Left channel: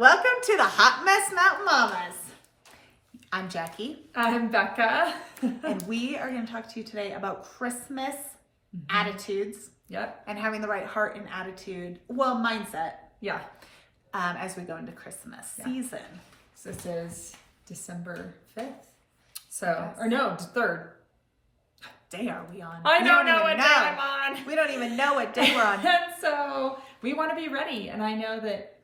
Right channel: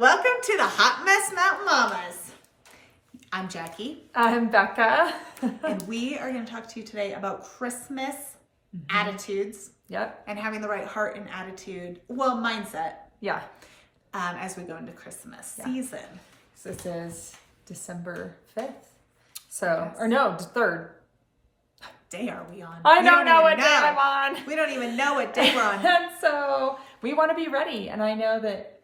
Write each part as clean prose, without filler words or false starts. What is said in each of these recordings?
Welcome to the Hot Mess Mountain Mamas. I'm Jacqui. I'm Becca. And we are going to talk to you today about Christmas attitudes. Yep. And having the right heart and attitude, mindset. Yeah. As we go into Christmas season. So this is December 5th. So, Yes. or no, 3rd. What day are we on? I We don't know what day I'm on. We don't even know what day we're on. And so we want to be ready. And I know that,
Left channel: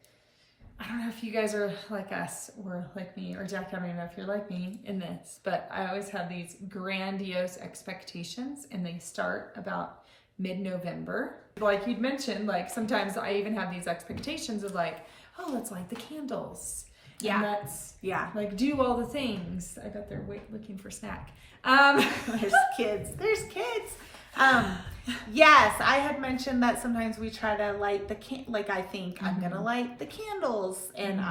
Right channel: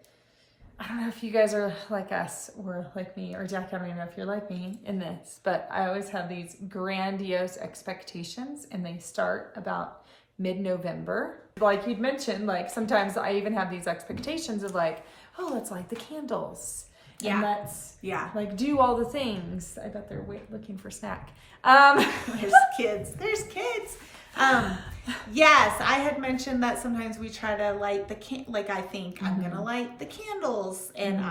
I don't know if you guys are like us or like me, or Jack, I don't even know if you're like me in this, but I always have these grandiose expectations and they start about mid-November. Like you'd mentioned, like sometimes I even have these expectations of like, oh, let's light the candles. Yeah. And let's like do all the things. I bet they're looking for snack. There's kids. Yes, I had mentioned that sometimes we try to light the I think I'm gonna light the candles and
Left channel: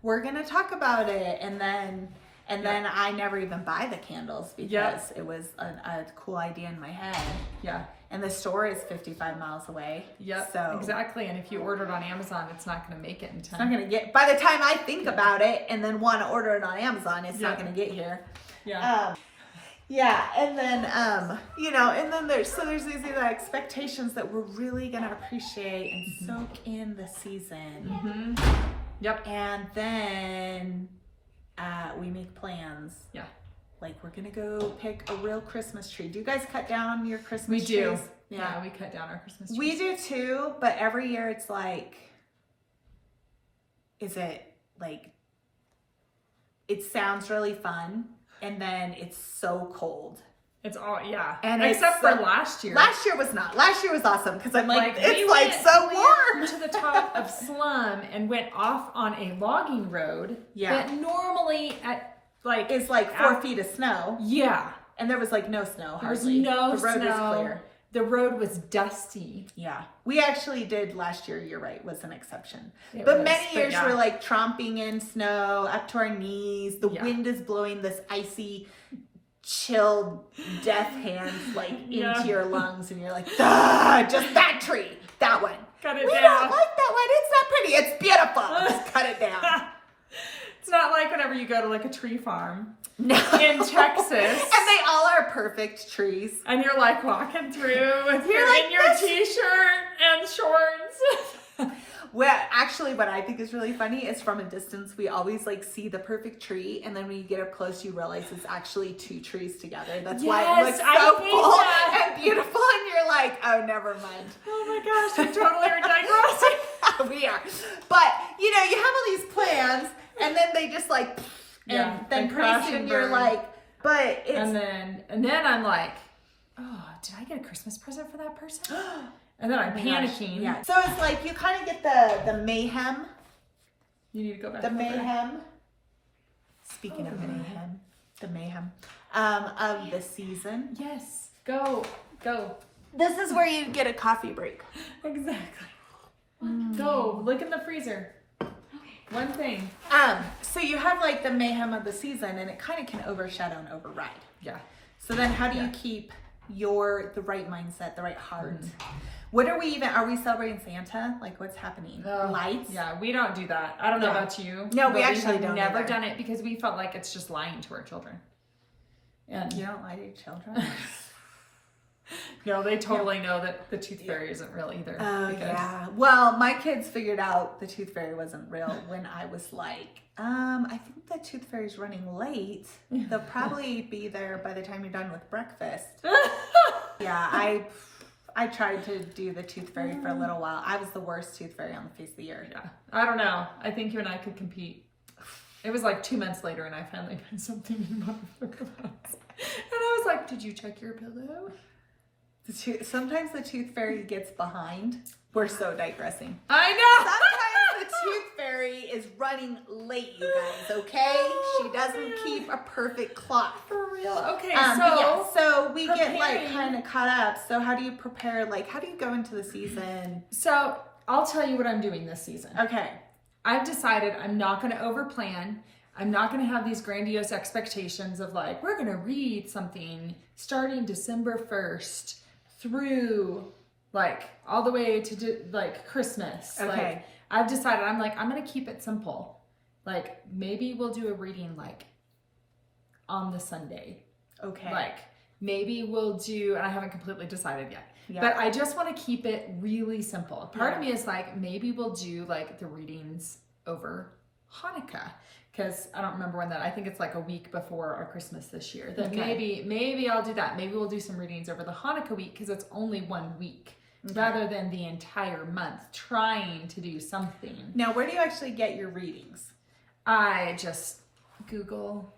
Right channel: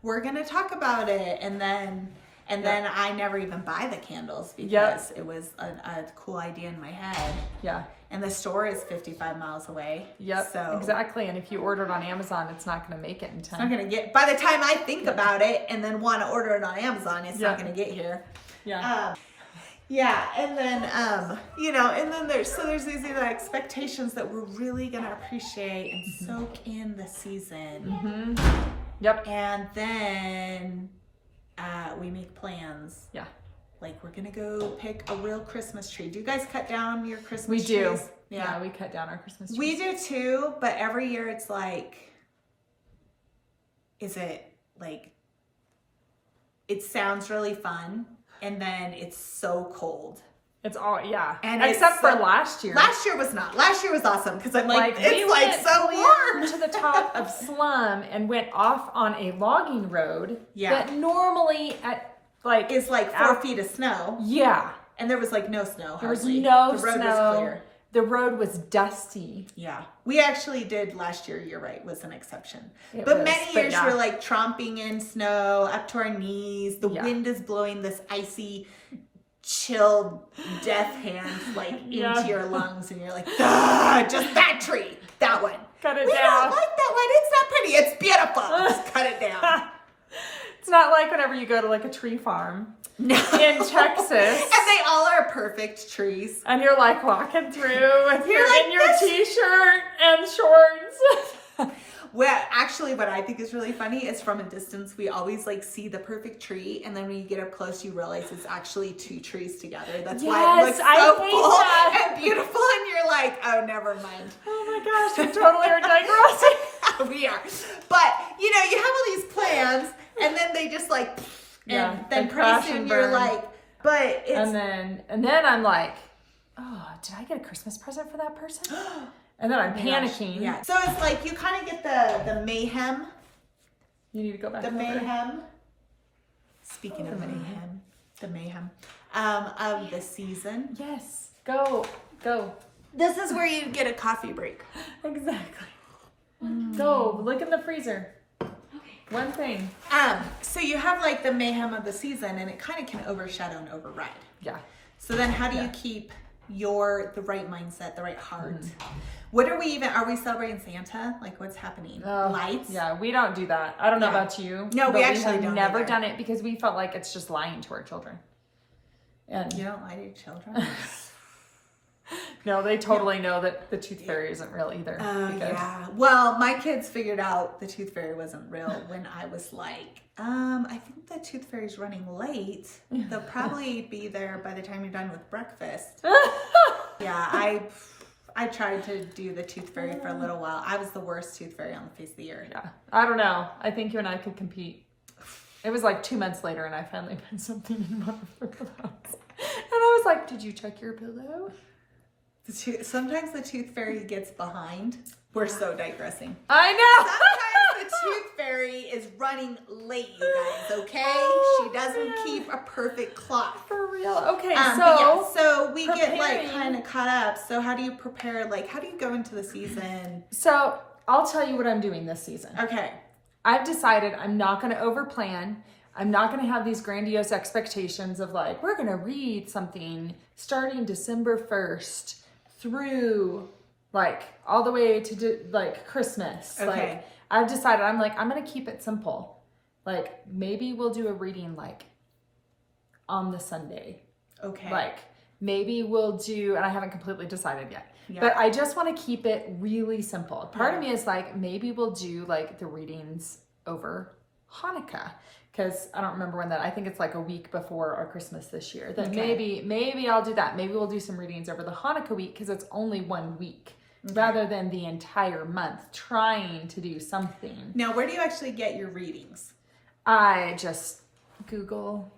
we're gonna talk about it, and then I never even buy the candles because it was a cool idea in my head. Yeah. And the store is 55 miles away. Yep. So exactly. And if you order it on Amazon, it's not going to make it in time. it's not gonna get, by the time I think about it and then want to order it on Amazon, it's not gonna get here. Yeah. And then and then there's these expectations that we're really gonna appreciate and soak in the season. Yep. And then we make plans. Yeah. Like we're gonna go pick a real Christmas tree. Do you guys cut down your Christmas We do. trees? Yeah, we cut down our Christmas trees. We do too, but every year it's like, it sounds really fun, and then it's so cold. It's all, And except for last year. Last year was not. Last year was awesome because I'm like we so warm. to the top of Slum and went off on a logging road. Yeah. That normally It's like 4 feet of snow. Yeah. And there was like no snow. There was hardly. no The road snow. was clear. The road was dusty. Yeah. We actually did last year, you're right, was an exception. It But was, many but years yeah. we're like tromping in snow up to our knees. The Yeah. wind is blowing this icy, chilled death hand into your lungs, and you're like, ah, just that tree, that one. Cut it We down. don't like that one. It's not pretty. It's beautiful. Just cut it down. It's not like whenever you go to like a tree farm No. in Texas. And they all are perfect trees. And you're like walking through and You're you're like in your this. t-shirt and shorts. Well, actually, what I think is really funny is from a distance, we always see the perfect tree, and then when you get up close, you realize it's actually two trees together. That's why it looks so full and beautiful, and you're like, oh, never mind. Oh my gosh, we totally are digressing. We are. But, you have all these plans, and then they just and then pretty soon you're like, but it's... And then I'm like, oh, did I get a Christmas present for that person? And then I'm panicking. Yeah. So it's like you kind of get the mayhem. You need to go back. The over. mayhem. Speaking of mayhem, the mayhem of the season. Yes. Go. This is where you get a coffee break. Exactly. Go. Look in the freezer. One thing. So you have the mayhem of the season, and it kind of can overshadow and override. Yeah. So then how do you keep the right mindset, the right heart? What are we celebrating Santa? What's happening? Lights? Yeah, we don't do that. I don't know about you. No, we but actually have don't never either. done it because we felt like it's just lying to our children. And You don't lie to your children? no, they totally know that the tooth fairy isn't real either. Oh, yeah. Well, my kids figured out the tooth fairy wasn't real when I was like, I think the tooth fairy's running late. They'll probably be there by the time you're done with breakfast. Yeah, I tried to do the tooth fairy for a little while. I was the worst tooth fairy on the face of the earth. Yeah. I don't know. I think you and I could compete. It was 2 months later and I finally put something in one of her mouths. And I was like, did you check your pillow? Sometimes the tooth fairy gets behind. We're so digressing. I know. Sometimes the tooth fairy is running late, you guys, okay? She doesn't keep a perfect clock. For real. Okay, so we preparing. get kind of caught up. So how do you prepare? How do you go into the season? So I'll tell you what I'm doing this season. Okay. I've decided I'm not going to overplan. I'm not going to have these grandiose expectations of we're going to read something starting December 1st through all the way to Christmas. Okay. I've decided, I'm like, I'm going to keep it simple. Like, maybe we'll do a reading like on the Sunday. Okay. Like, maybe we'll do, and I haven't completely decided yet. Yeah. But I just want to keep it really simple. Part of Yeah. me is like, maybe we'll do like the readings over Hanukkah. Because I don't remember when that, I think it's like a week before our Christmas this year. That Okay. maybe I'll do that. Maybe we'll do some readings over the Hanukkah week because it's only 1 week. Rather than the entire month trying to do something. Now, where do you actually get your readings? I just Google.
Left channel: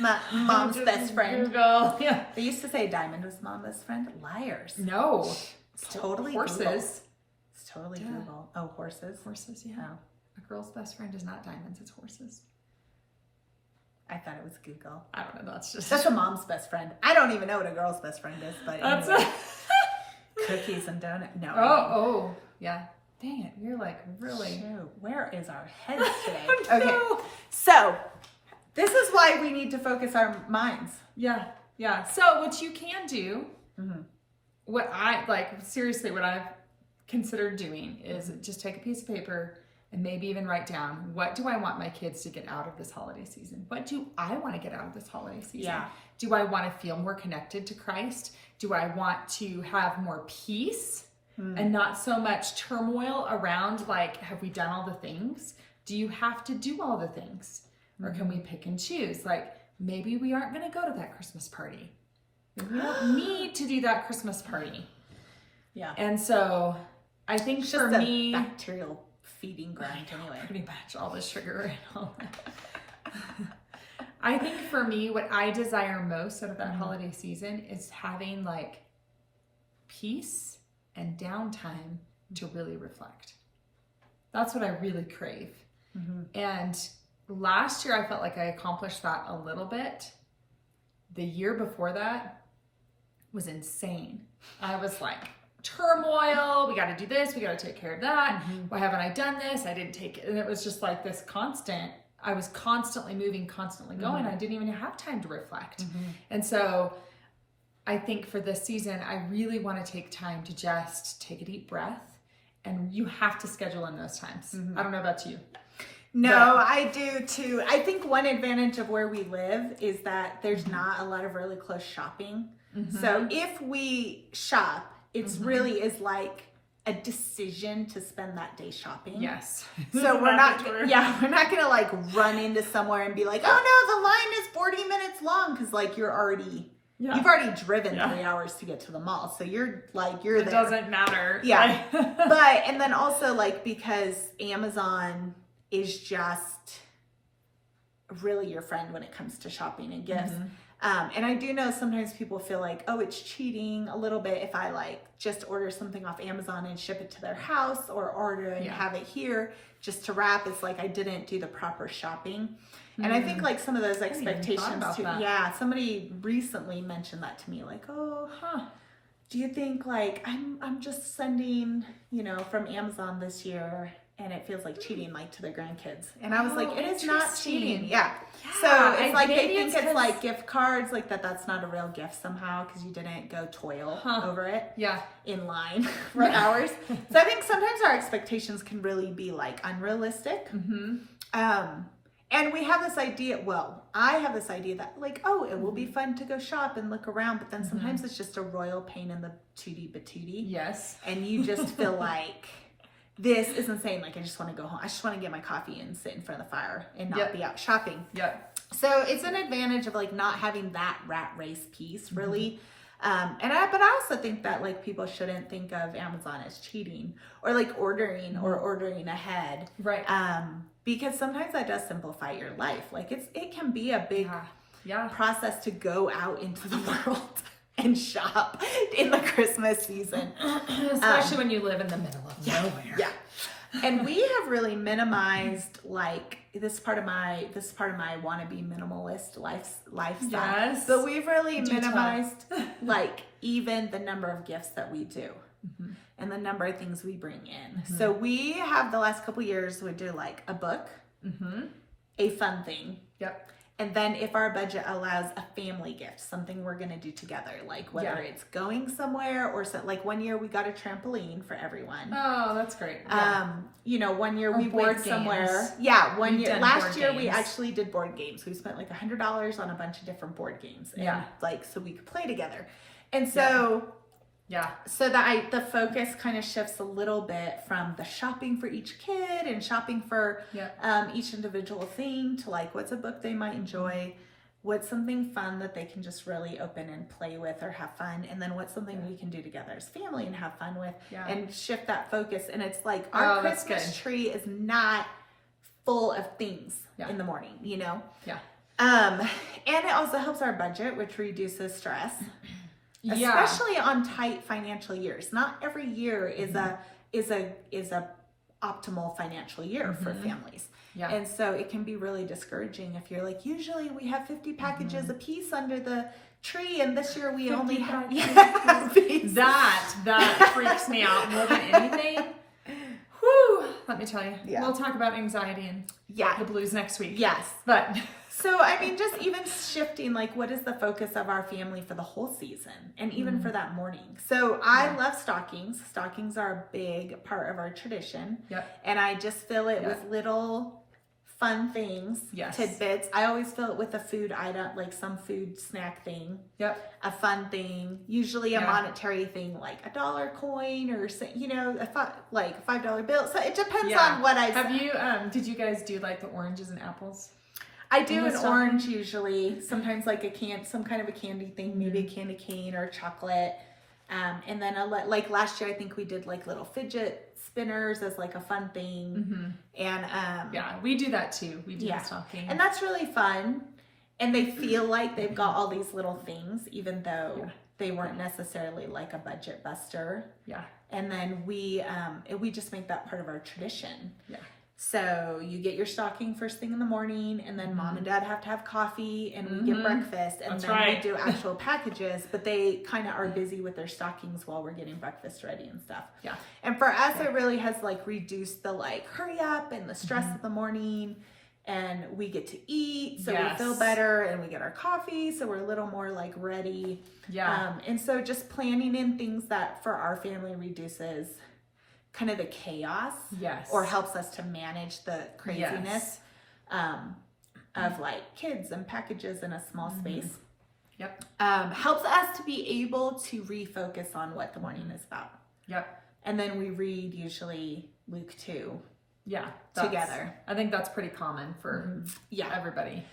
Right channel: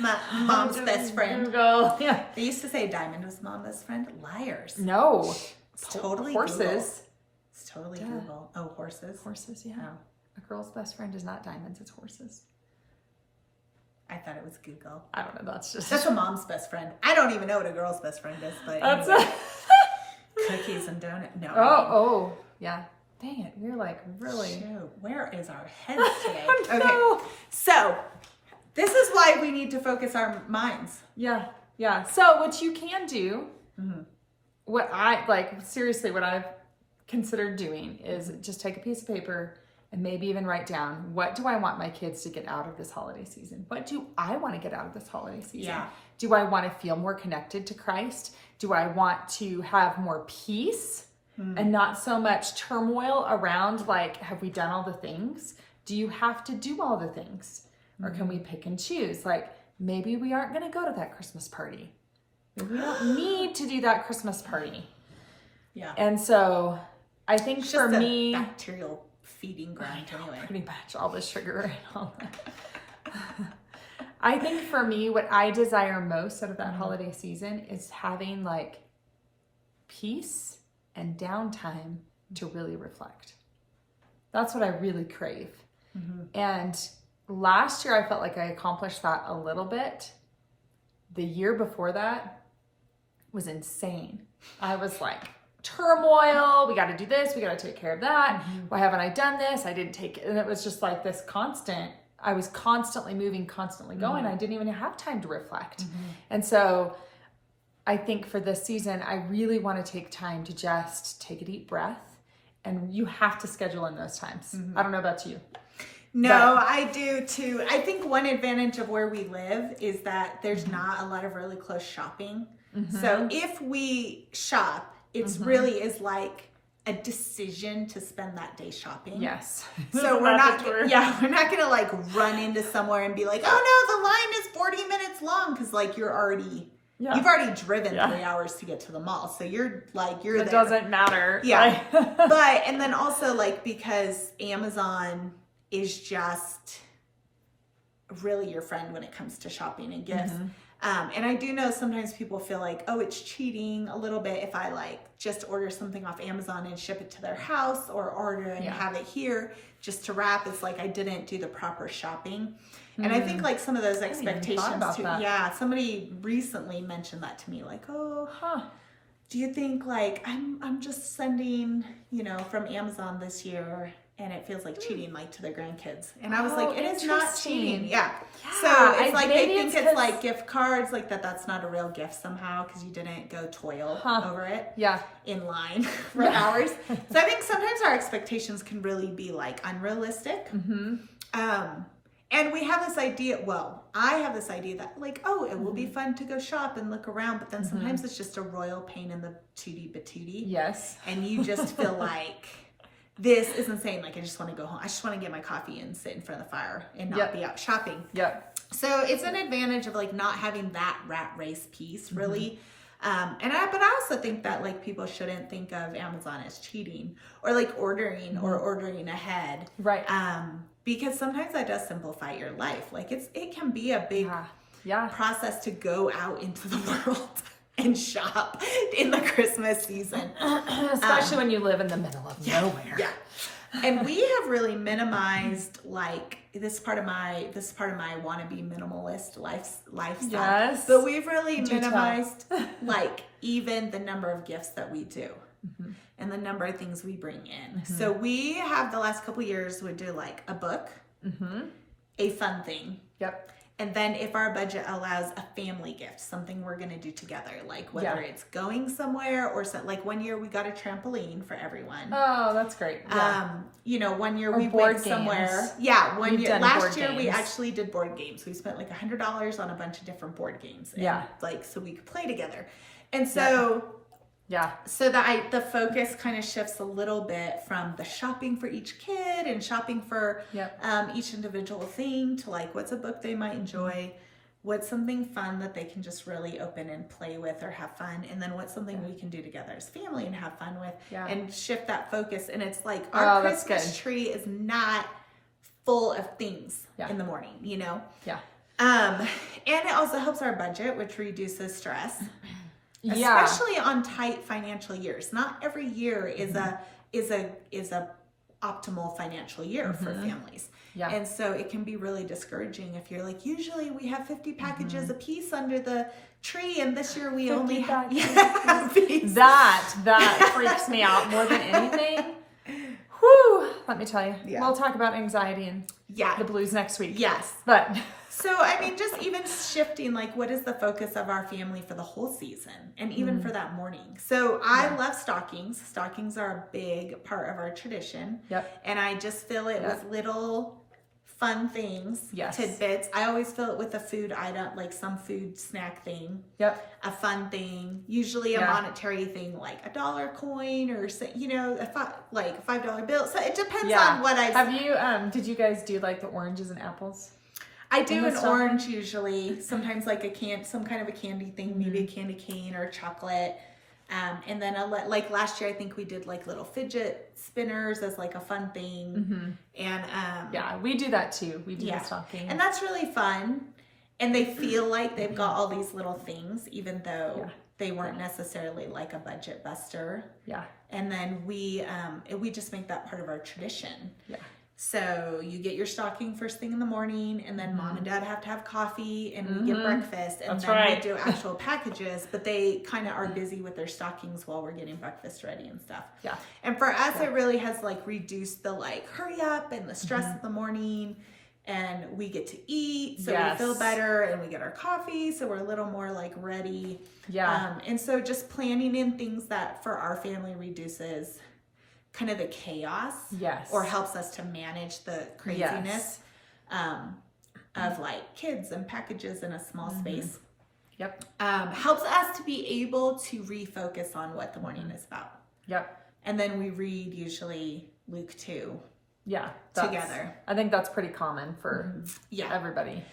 My mom's best friend. Google. Yeah. They used to say Diamond was mom's best friend. Liars. No. It's totally horses. Google. It's totally Google. Oh, horses? Horses, yeah. Oh. A girl's best friend is not diamonds, it's horses. I thought it was Google. I don't know, that's just... That's a mom's best friend. I don't even know what a girl's best friend is, but That's anyway. Cookies and donuts. No. Oh, yeah. Dang it, you're like really... Shoot, where is our heads today? I know. Okay, so this is why we need to focus our minds. Yeah. So what you can do, Mm-hmm. what I've considered doing is just take a piece of paper and maybe even write down, what do I want my kids to get out of this holiday season? What do I want to get out of this holiday season? Yeah. Do I want to feel more connected to Christ? Do I want to have more peace and not so much turmoil around, like, have we done all the things? Do you have to do all the things? Or can we pick and choose? Like, maybe we aren't going to go to that Christmas party. Maybe we don't need to do that Christmas party. Yeah. And so I think It's for just me... a bacterial feeding ground anyway. Pretty much all the sugar and all that. I think for me, what I desire most out of that holiday season is having like peace and downtime to really reflect. That's what I really crave. And last year I felt like I accomplished that a little bit. The year before that was insane. I was like, turmoil, we got to do this, we got to take care of that. Why haven't I done this? I didn't take it. And it was just like this constant, I was constantly moving, constantly going. I didn't even have time to reflect. And so I think for this season, I really want to take time to just take a deep breath, and you have to schedule in those times. I don't know about you. No, I do too. I think one advantage of where we live is that there's not a lot of really close shopping. So if we shop, it's really is like a decision to spend that day shopping. Yes. So we're not gonna like run into somewhere and be like, oh no, the line is 40 minutes long, because like you've already driven 3 hours to get to the mall. So you're there. It doesn't matter. Yeah. But, and then also like, because Amazon is just really your friend when it comes to shopping and gifts. And I do know sometimes people feel like, oh, it's cheating a little bit if I like just order something off Amazon and ship it to their house, or order and have it here just to wrap. It's like I didn't do the proper shopping. And I think like some of those expectations too. That. Yeah. Somebody recently mentioned that to me, like, do you think like I'm just sending, from Amazon this year, and it feels like cheating, like to their grandkids? And I was like, it is not cheating. Yeah. So it's like they think it's like gift cards, like that's not a real gift somehow, because you didn't go toil over it in line for hours. So I think sometimes our expectations can really be like unrealistic. And we have this idea, I have this idea that like, oh, it will be fun to go shop and look around, but then sometimes it's just a royal pain in the tootie patootie. Yes. And you just feel like, this is insane. Like, I just want to go home. I just want to get my coffee and sit in front of the fire and not be out shopping. So it's an advantage of like not having that rat race piece really. But I also think that like people shouldn't think of Amazon as cheating, or like ordering ahead. Right. Because sometimes that does simplify your life. Like it can be a big process to go out into the world and shop in the Christmas season. Especially when you live in the middle of nowhere. Yeah. And we have really minimized like this part of my wannabe minimalist lifestyle. Yes. But we've really minimized like even the number of gifts that we do and the number of things we bring in. So we have the last couple years would do like a book, a fun thing. And then if our budget allows a family gift, something we're going to do together, like whether it's going somewhere or like one year we got a trampoline for everyone. Oh, that's great. Yeah. You know, one year Or we board went games. somewhere. Yeah, one We've year. done Last board year we games. actually did board games. We spent like $100 on a bunch of different board games. And like, so we could play together. And so... Yeah. So the focus kind of shifts a little bit from the shopping for each kid and shopping for each individual thing to like what's a book they might enjoy, what's something fun that they can just really open and play with or have fun, and then what's something we can do together as family and have fun with and shift that focus. And it's like our Christmas tree is not full of things in the morning, you know? Yeah. And it also helps our budget, which reduces stress. Especially on tight financial years. Not every year is a optimal financial year for families. Yeah. And so it can be really discouraging if you're like, usually we have 50 packages a piece under the tree, and this year we only have that freaks me out more than anything. Whew, let me tell you. We'll talk about anxiety and the blues next week. Yes. But so, I mean, just even shifting, like, what is the focus of our family for the whole season and even for that morning? So I love stockings. Stockings are a big part of our tradition. Yep. And I just fill it with little fun things, tidbits. I always fill it with a food item, like some food snack thing. Yep. A fun thing, usually a monetary thing, like a dollar coin or, you know, like a $5 bill. So it depends on what I've... Have you, did you guys do like the oranges and apples? I do an orange usually, sometimes like some kind of a candy thing, maybe a candy cane or chocolate. And then like last year, I think we did like little fidget spinners as like a fun thing. And we do that too. We do the stocking. And that's really fun. And they feel like they've got all these little things, even though they weren't necessarily like a budget buster. Yeah. And then we just make that part of our tradition. Yeah. So you get your stocking first thing in the morning, and then mom and dad have to have coffee, and we get breakfast, and we do actual packages, but they kind of are busy with their stockings while we're getting breakfast ready and stuff. Yeah. And for us, it really has like reduced the like hurry up and the stress of the morning, and we get to eat, so we feel better, and we get our coffee, so we're a little more like ready. Yeah. And so just planning in things that for our family reduces kind of the chaos, or helps us to manage the craziness of like kids and packages in a small space. Yep. Helps us to be able to refocus on what the morning is about. Yep. And then we read usually Luke 2. Yeah. Together. I think that's pretty common for everybody.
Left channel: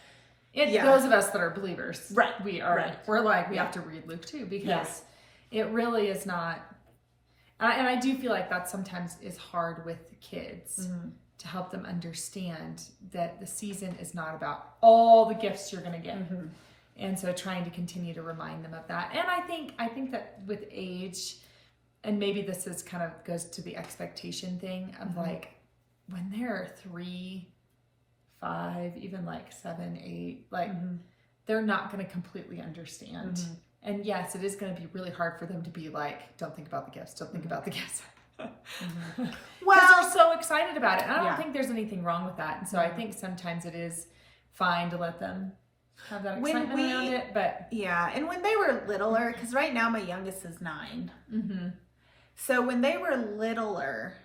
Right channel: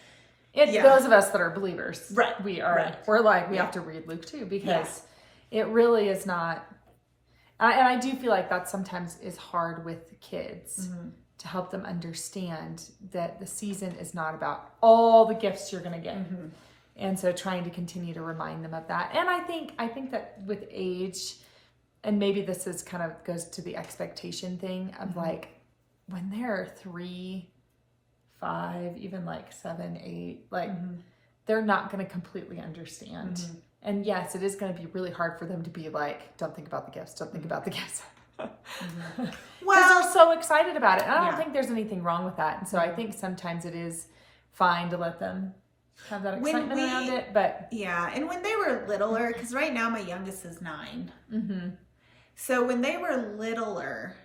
Those of us that are believers. Right. We are. We're like, we have to read Luke 2 because it really is not. And I do feel like that sometimes is hard with the kids to help them understand that the season is not about all the gifts you're going to get. And so trying to continue to remind them of that. And I think that with age, and maybe this is kind of goes to the expectation thing of like when they're 3, 5, even like 7, 8, like they're not going to completely understand. And yes, it is going to be really hard for them to be like, don't think about the gifts, don't think about the gifts. Well, they're so excited about it. And I don't think there's anything wrong with that. And so I think sometimes it is fine to let them have that excitement around it. But and when they were littler, because right now my youngest is 9. So when they were littler,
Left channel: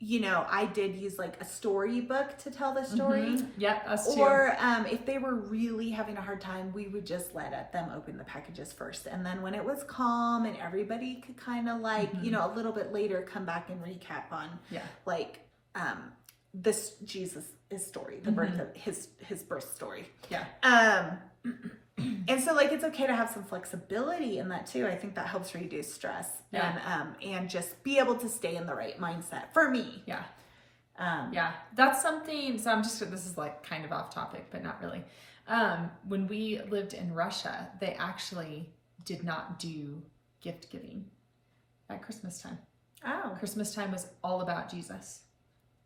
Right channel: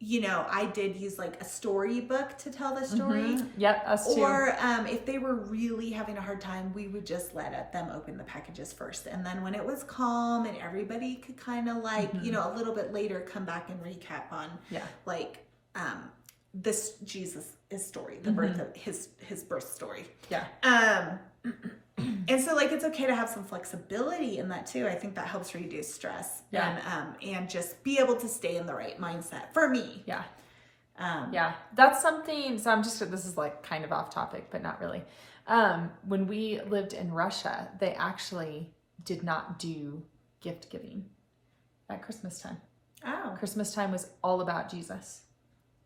you know, I did use like a storybook to tell the story. Yep, us too. Or if they were really having a hard time, we would just let them open the packages first. And then when it was calm and everybody could kind of like, you know, a little bit later come back and recap on like this Jesus' story, the birth of his birth story. Yeah. And so like it's okay to have some flexibility in that too. I think that helps reduce stress and just be able to stay in the right mindset for me. Yeah. That's something. So this is like kind of off topic, but not really. When we lived in Russia, they actually did not do gift giving at Christmas time. Oh. Christmas time was all about Jesus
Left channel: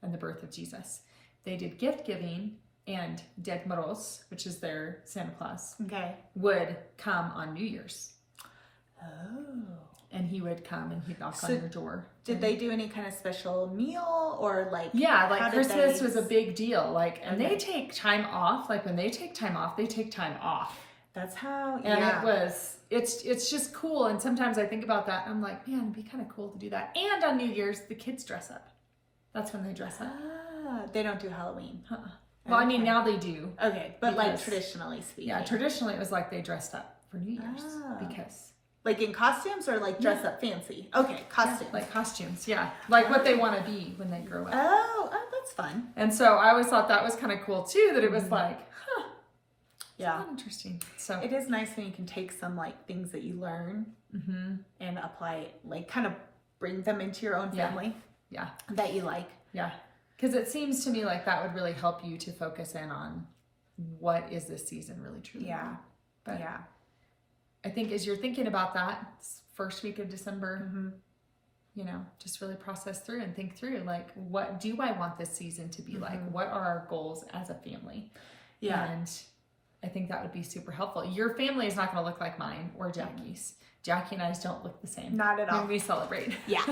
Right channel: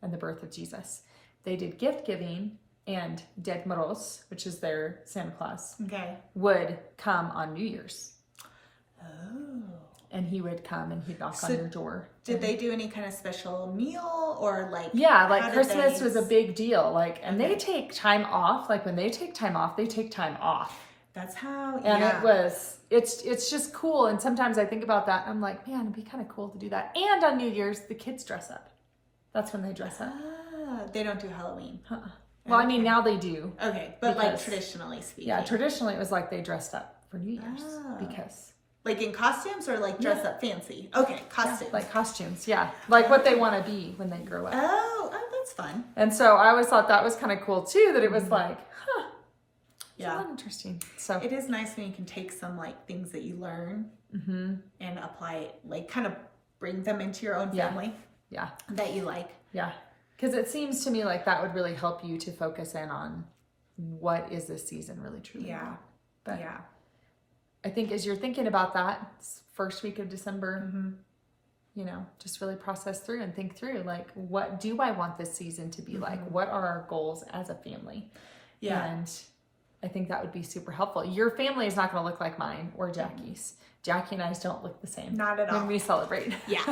and the birth of Jesus. They did gift giving, and Ded Moroz, which is their Santa Claus, would come on New Year's. Oh. and he would come and he'd knock So on your door. Did they do any kind of special meal or like? Yeah, how like did Christmas they... was a big deal. Like, and Okay. they take time off. Like when they take time off, they take time off. That's how, And it was, it's just cool. And sometimes I think about that and I'm like, man, it'd be kind of cool to do that. And on New Year's, the kids dress up. That's when they dress up. They don't do Halloween. Well, I mean, now they do. Okay, but like Because- traditionally speaking. Yeah, traditionally it was like they dressed up for New Year's Ah. because. Like in costumes or like dress up fancy? Okay, costumes. Yeah, like costumes, yeah. Like what they want to be when they grow up. Oh, that's fun. And so I always thought that was kind of cool too, that it was like, Yeah. that's interesting. So It is nice when you can take some like things that you learn and apply it, like kind of bring them into your own Yeah. family yeah, that you like. yeah. Because it seems to me like that would really help you to focus in on what is this season really truly Yeah. about. But Yeah. I think as you're thinking about that first week of December, you know, just really process through and think through, like, what do I want this season to be like? What are our goals as a family? Yeah. And I think that would be super helpful. Your family is not going to look like mine or Jacqui's. Jacqui and I's don't look the same. Not at all. When we celebrate. Yeah.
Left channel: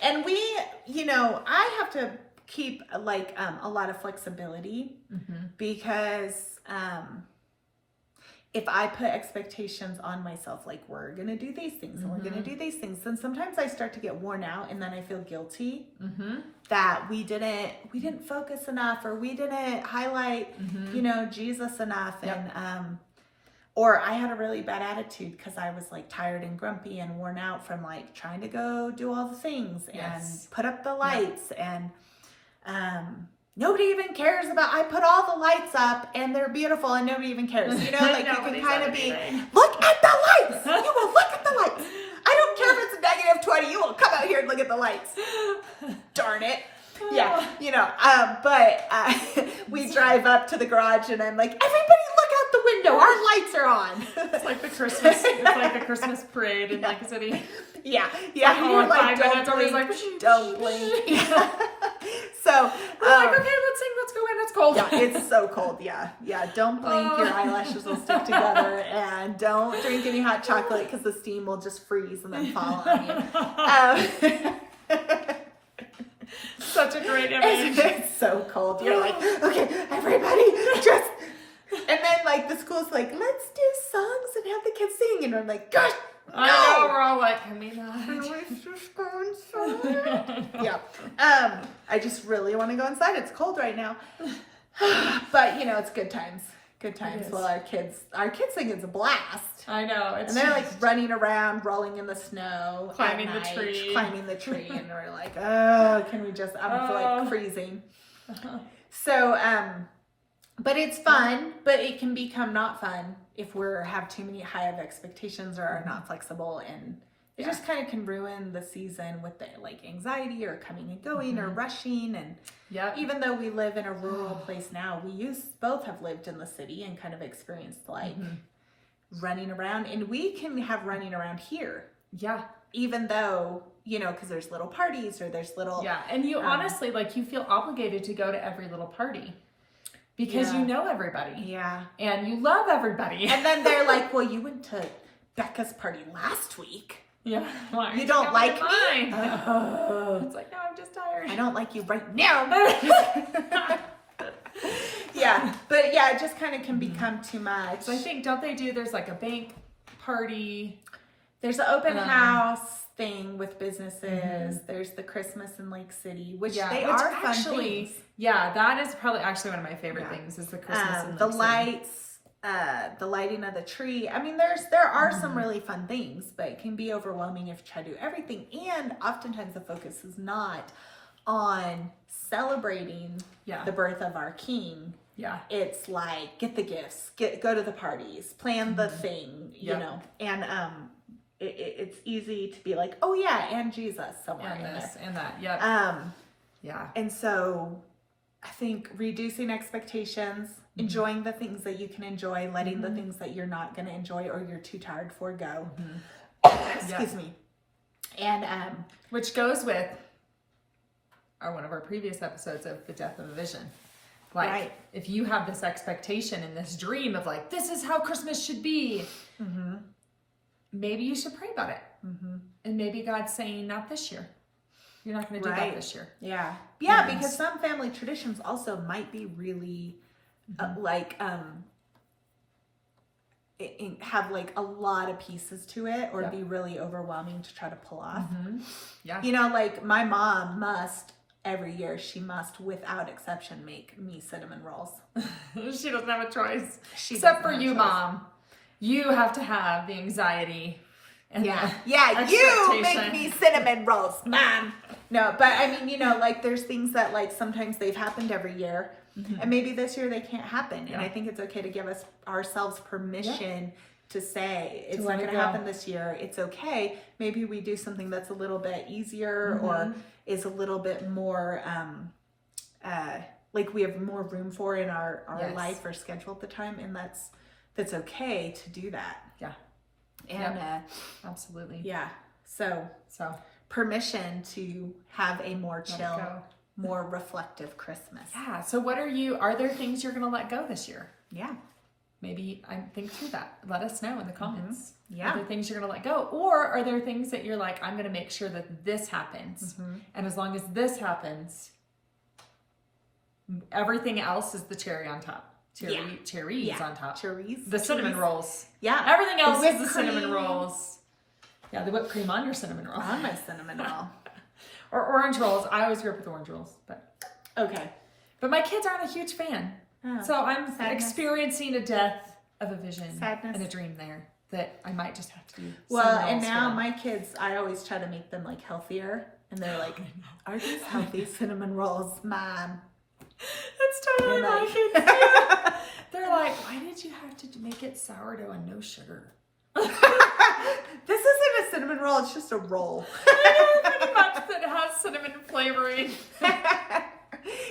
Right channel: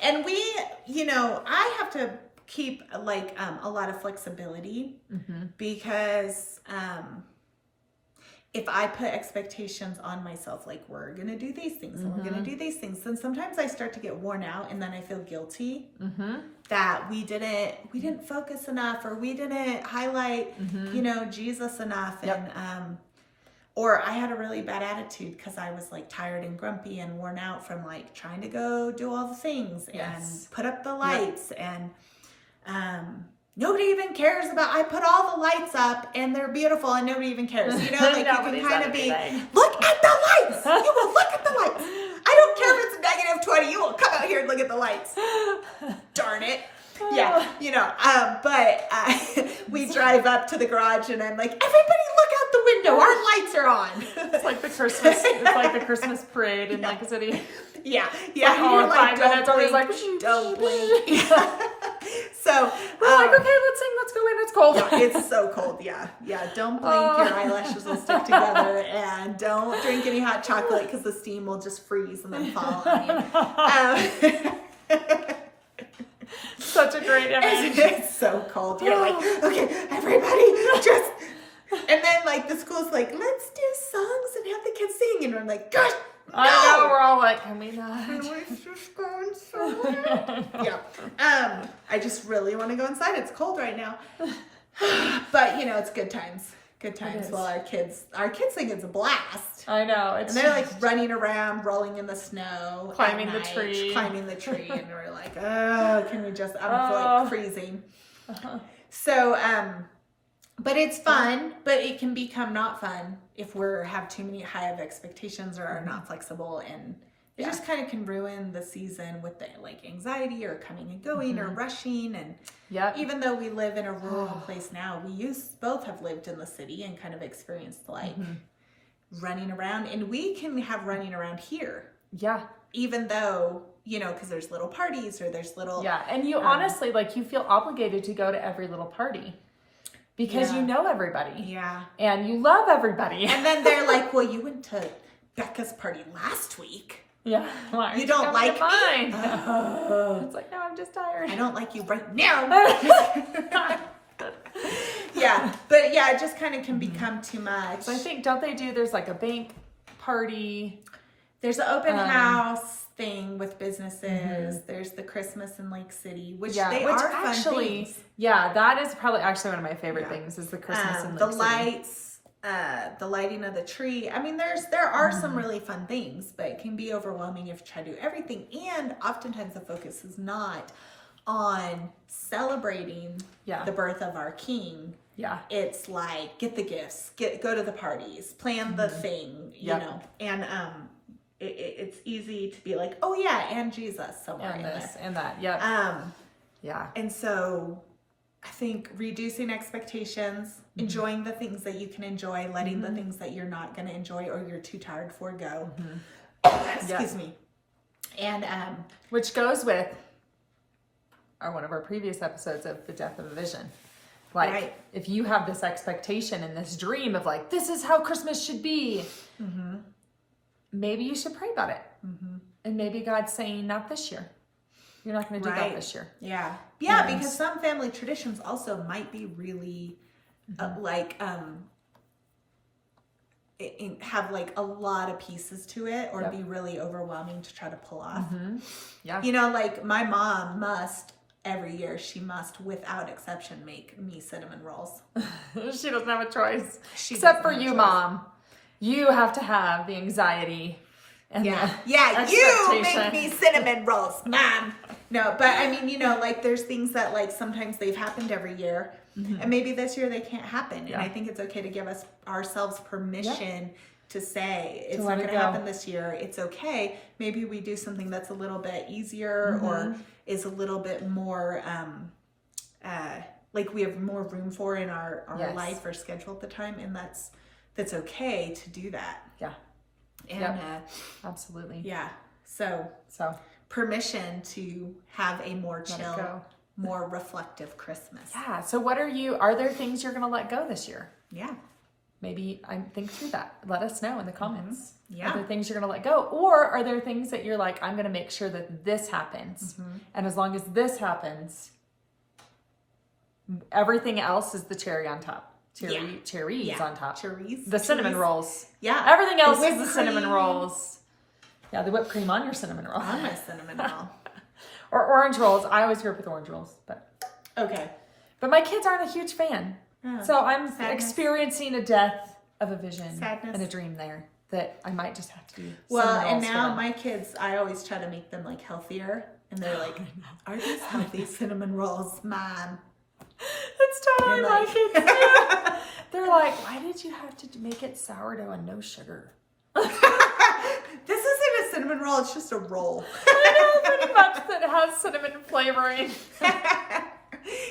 And we, you know, I have to keep like a lot of flexibility because if I put expectations on myself, like we're going to do these things and we're going to do these things, then sometimes I start to get worn out and then I feel guilty that we didn't focus enough or we didn't highlight, you know, Jesus enough. Yep. And, or I had a really bad attitude because I was like tired and grumpy and worn out from like trying to go do all the things and put up the lights and nobody even cares about, I put all the lights up and they're beautiful and nobody even cares. You know, like you can kind of be, look at the lights. You will look at the lights. I don't care if it's negative 20. You will come out here and look at the lights. Darn it. Yeah, you know, but we drive up to the garage and I'm like, everybody look out the window. Our lights are on. It's like the Christmas parade in Lake City. Yeah. You're like, don't blink. Like, don't blink. Yeah. So, like, okay, let's sing, let's go in, it's cold. Yeah, it's so cold. Yeah. Don't blink. Your eyelashes will stick together, and don't drink any hot chocolate because the steam will just freeze and then fall on you. Such a great image. It's so cold. You're like, okay, everybody, just. And then like the school's like, let's do songs and have the kids sing, and I'm like, gosh. No, I know, we're all like, can we not? It's just go inside. Yeah. I just really want to go inside. It's cold right now. But you know, it's good times. Good times. Well, our kids think it's a blast. I know. And they're like running around, rolling in the snow, climbing at the night, tree. climbing the tree, and we're like, oh, can we just? I feel like freezing. So, but it's fun, but it can become not fun if we're have too many high of expectations or are not flexible, and it just kind of can ruin the season with the like anxiety or coming and going or rushing. And even though we live in a rural place now, we both have lived in the city and kind of experienced like running around, and we can have running around here. Yeah. Even though, you know, because there's little parties or there's little. Yeah. And you honestly, like, you feel obligated to go to every little party. Because you know everybody. Yeah. And you love everybody. And then they're like, well, you went to Becca's party last week. Yeah. Well, you don't like me? It's like, no, I'm just tired. I don't like you right now. Yeah. But yeah, it just kind of can become too much. So I think, there's like a bank party. There's an open house thing with businesses. There's the Christmas in Lake City, which are fun things. Yeah, that is probably actually one of my favorite things is the Christmas in Lake the City. lights, the lighting of the tree. I mean, there are some really fun things, but it can be overwhelming if you try to do everything. And oftentimes the focus is not on celebrating the birth of our King. Yeah, it's like get the gifts, go to the parties, plan the thing, you know, and it's easy to be like, oh yeah, and Jesus somewhere in there. And that, yeah. And so I think reducing expectations, enjoying the things that you can enjoy, letting the things that you're not going to enjoy or you're too tired for go. Excuse me. And which goes with one of our previous episodes of the death of a vision. Like, if you have this expectation and this dream of like, this is how Christmas should be, maybe you should pray about it. And maybe God's saying, not this year. You're not going to do that this year. Yeah. Yeah, And- because some family traditions also might be really have like a lot of pieces to it, or be really overwhelming to try to pull off. Yeah. You know, like my mom must every year, she must without exception make me cinnamon rolls. She doesn't have a choice. She Except doesn't for have a you, choice. Mom. You have to have the anxiety. And Yeah, the you make expectation. me cinnamon rolls, Mom. No, but I mean, you know, like there's things that like sometimes they've happened every year, and maybe this year they can't happen. And I think it's okay to give ourselves permission to say it's not going to happen this year. It's okay. Maybe we do something that's a little bit easier or is a little bit more like we have more room for in our life or schedule at the time, and that's okay to do that. Yeah. And absolutely. yeah. So permission to have a more chill, more reflective Christmas. Yeah. So are there things you're going to let go this year? Yeah. Maybe think through that. Let us know in the comments. Yeah. Are there things you're going to let go? Or are there things that you're like, I'm going to make sure that this happens. And as long as this happens, everything else is the cherry on top. Cherries on top. Cherries. The cinnamon rolls. Yeah. Everything else whipped is the cinnamon cream. rolls. Yeah, the whipped cream on your cinnamon roll. On my cinnamon roll. Or orange rolls. I always grew up with orange rolls. Okay. But my kids aren't a huge fan. Oh, So I'm sadness. experiencing a death of a vision Sadness. and a dream there that I might just have to be. Well, cinnamon and rolls for now them. my kids, I always try to make them like healthier. And they're like, are these healthy cinnamon rolls, Mom? That's totally And my like- kids too. They're like, why did you have to make it sourdough and no sugar? This isn't a cinnamon roll, it's just a roll. Pretty much that has cinnamon flavoring.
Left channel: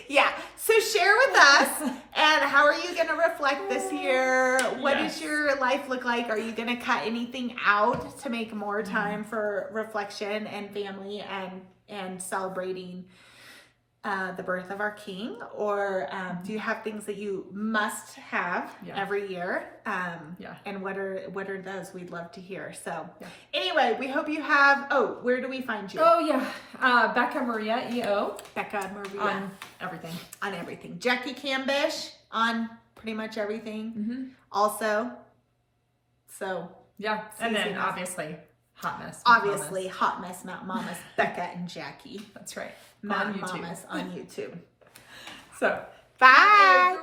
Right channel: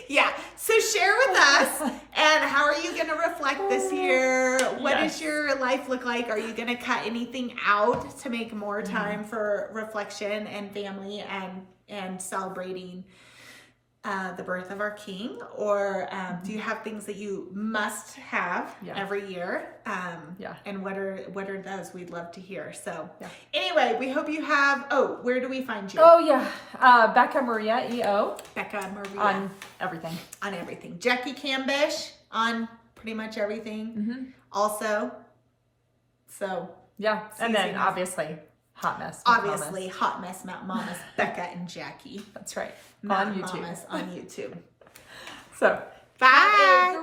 Yeah. So share with us, and how are you going to reflect this year? What does your life look like? Are you going to cut anything out to make more time for reflection and family and celebrating the birth of our King? Or do you have things that you must have every year? And what are those? We'd love to hear. So anyway, we hope you have, where do we find you? Oh yeah, Becca Maria EO Becca Maria. on everything. On everything. Jacqi Cambish on pretty much everything. Also. So Yeah, It's and easy then enough. obviously Hot Mess. with obviously Mamas. Hot Mess Mountain Mamas, Becca and Jacqi. That's right. Mountain On YouTube. Mamas on YouTube. So Bye.